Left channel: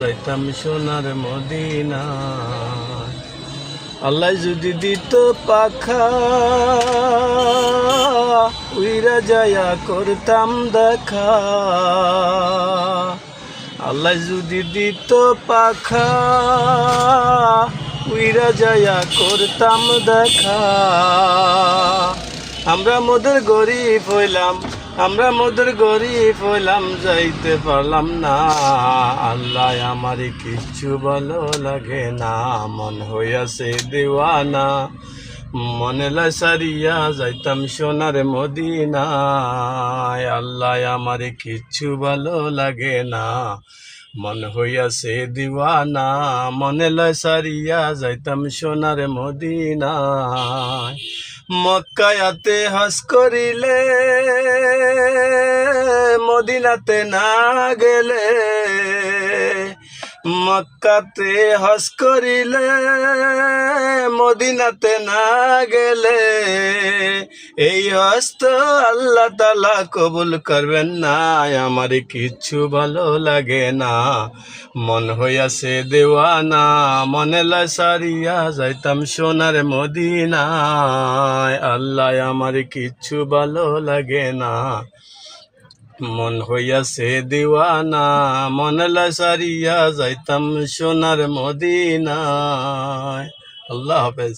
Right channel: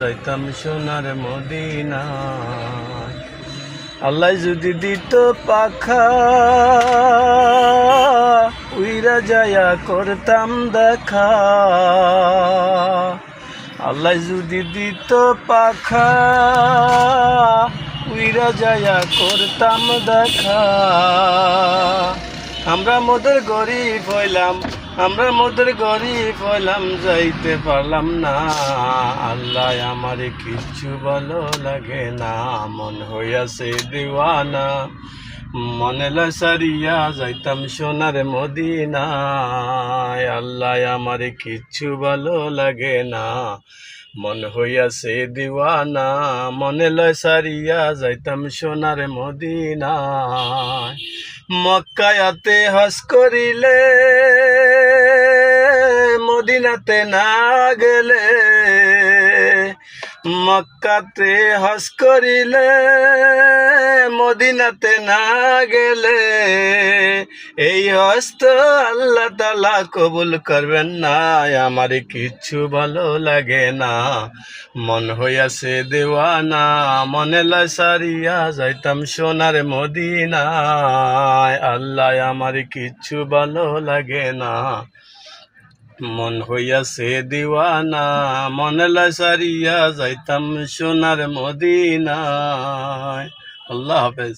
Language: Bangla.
যাইতাম সোনার মদিনা। আল্লাহ যদি দিত পাখা, উইরা যায়া করতাম দেখা। আল্লাহ যদি দিত পাখা, উইরা যায়া করতাম দেখা। আমরা মোদের গরিব হইলাম, আমরা মোদের গরিব হইলাম, যাইতে পারলাম না। আল্লাহ আমারে কিচ্ছু ভালো লাগে না, মন হইয়াছে দিওয়ানা। মনে লাই সারিয়া যাইতাম সোনার মদিনায়। আল্লাহ আমারে কিচ্ছু ভালো লাগে না, মন হইয়াছে দিওয়ানা। মনে লয় সারিয়া যাইতাম সোনার মদিনায়। মক্কায়াতে হজ করিলে, মদিনাতে না গেলে। মক্কাতে হজ করিলে, মদিনাতে না গেলে। এই হজ তো আল্লাহ তাআলা কবুল করবেন না। আমার কিচ্ছু ভালো লাগে না, মন হইয়াছে দেওয়ানা। মনে লাই সারিয়া যাইতাম সোনার মদিনায়। আল্লাহ আমার কিচ্ছু ভালো লাগে না, মন হইয়াছে দিওয়ানা। মনে লাই সারিয়া যাইতাম সোনার মদিনায়। আল্লাহ হাফেজ।